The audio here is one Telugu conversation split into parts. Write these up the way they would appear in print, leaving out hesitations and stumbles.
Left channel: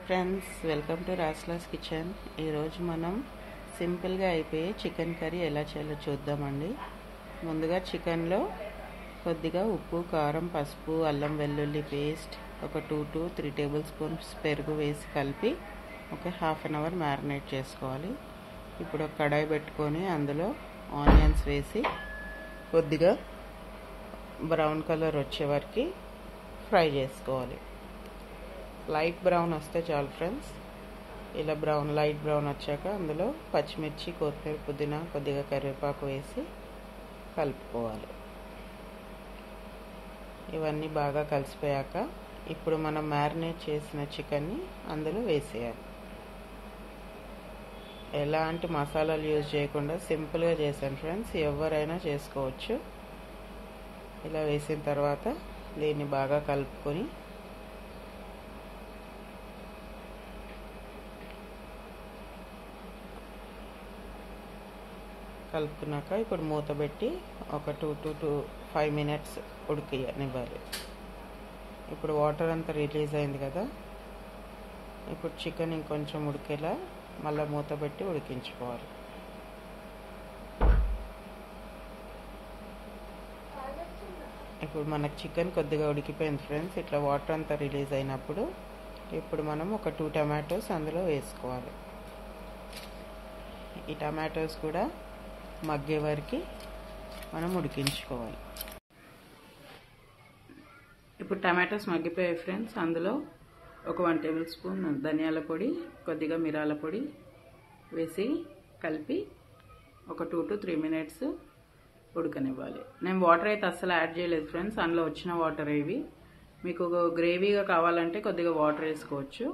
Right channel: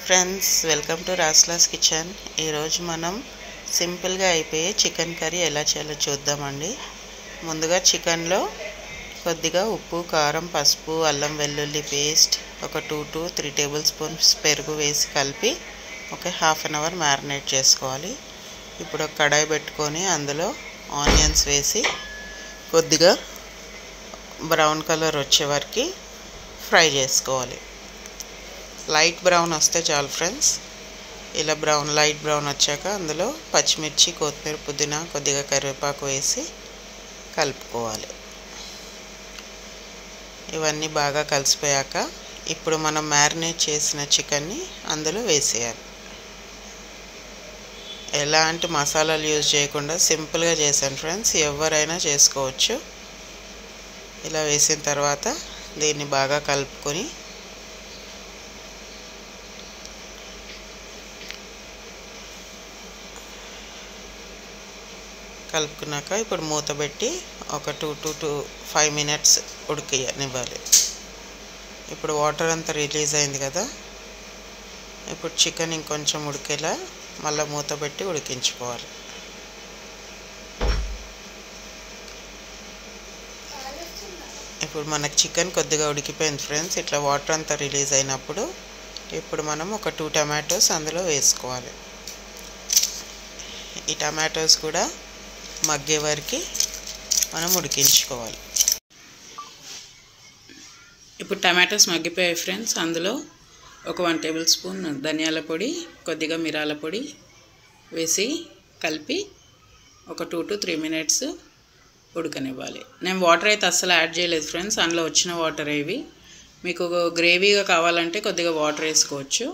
ఫ్రెండ్స్, వెల్కమ్ టు రాస్లాస్ కిచెన్. ఈరోజు మనం సింపుల్గా అయిపోయే చికెన్ కర్రీ ఎలా చేయాలో చూద్దామండి. ముందుగా చికెన్లో కొద్దిగా ఉప్పు, కారం, పసుపు, అల్లం వెల్లుల్లి పేస్ట్, ఒక 2 to 3 టేబుల్ స్పూన్స్ పెరుగు వేసి కలిపి ఒక హాఫ్ అన్ అవర్ మ్యారినేట్ చేసుకోవాలి. ఇప్పుడు ఒక కడాయి పెట్టుకొని అందులో ఆనియన్స్ వేసి కొద్దిగా బ్రౌన్ కలర్ వచ్చే వరకు ఫ్రై చేసుకోవాలి. లైట్ బ్రౌన్ వస్తే చాలు ఫ్రెండ్స్. ఇలా లైట్ బ్రౌన్ వచ్చాక అందులో పచ్చిమిర్చి, కొత్తిమీర, పుదీనా, కొద్దిగా కరివేపాకు వేసి కలుపుకోవాలి. ఇవన్నీ బాగా కలిసిపోయాక ఇప్పుడు మనం మ్యారినేట్ చేసిన చికెన్ని అందులో వేసేయాలి. ఎలాంటి మసాలాలు యూజ్ చేయకుండా సింపుల్గా చేశాను ఫ్రెండ్స్, ఎవరైనా చేసుకోవచ్చు. ఇలా వేసిన తర్వాత దీన్ని బాగా కలుపుకొని కలుపుకున్నాక ఇప్పుడు మూత పెట్టి ఒక 2 to 5 minutes ఉడికినివ్వాలి. ఇప్పుడు వాటర్ అంతా రిలీజ్ అయింది కదా, ఇప్పుడు చికెన్ ఇంకొంచెం ఉడికేలా మళ్ళీ మూత పెట్టి ఉడికించుకోవాలి. ఇప్పుడు మనకు చికెన్ కొద్దిగా ఉడికిపోయింది ఫ్రెండ్స్. ఇట్లా వాటర్ అంతా రిలీజ్ అయినప్పుడు ఇప్పుడు మనం ఒక 2 టమాటోస్ అందులో వేసుకోవాలి. ఈ టమాటోస్ కూడా మగ్గే వరకు మనం ఉడికించుకోవాలి. ఇప్పుడు టమాటోస్ మగ్గిపోయాయి ఫ్రెండ్స్. అందులో ఒక 1 టేబుల్ స్పూన్ ధనియాల పొడి, కొద్దిగా మిరాల పొడి వేసి కలిపి ఒక 2 to 3 minutes ఉడకనివ్వాలి. నేను వాటర్ అయితే అస్సలు యాడ్ చేయలేదు ఫ్రెండ్స్, అందులో వచ్చిన వాటర్ ఇవి. మీకు గ్రేవీగా కావాలంటే కొద్దిగా వాటర్ వేసుకోవచ్చు.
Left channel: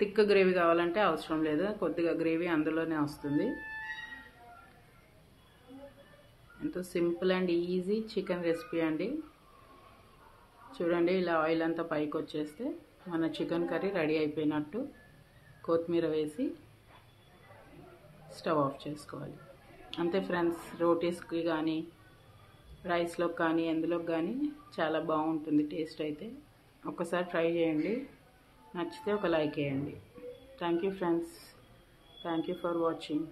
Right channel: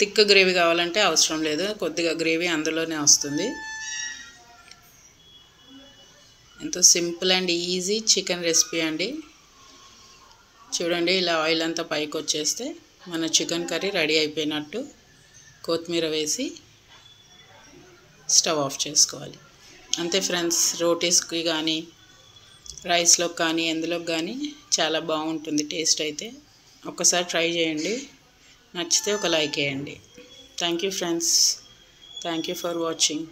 థిక్ గ్రేవీ కావాలంటే అవసరం లేదు, కొద్దిగా గ్రేవీ అందులోనే వస్తుంది. ఎంతో simple and easy chicken recipe అండి. చూడండి, ఇలా ఆయిల్ అంతా పైకి వచ్చేస్తే మన చికెన్ కర్రీ రెడీ అయిపోయినట్టు. కొత్తిమీర వేసి స్టవ్ ఆఫ్ చేసుకోవాలి. అంతే ఫ్రెండ్స్. రోటీస్కి కానీ రైస్లోకి కానీ ఎందులోకి కానీ చాలా బాగుంటుంది టేస్ట్ అయితే. ఒక్కసారి ట్రై చేయండి, నచ్చితే ఒక లైక్ వేయండి. Thank you friends. Thank you for watching.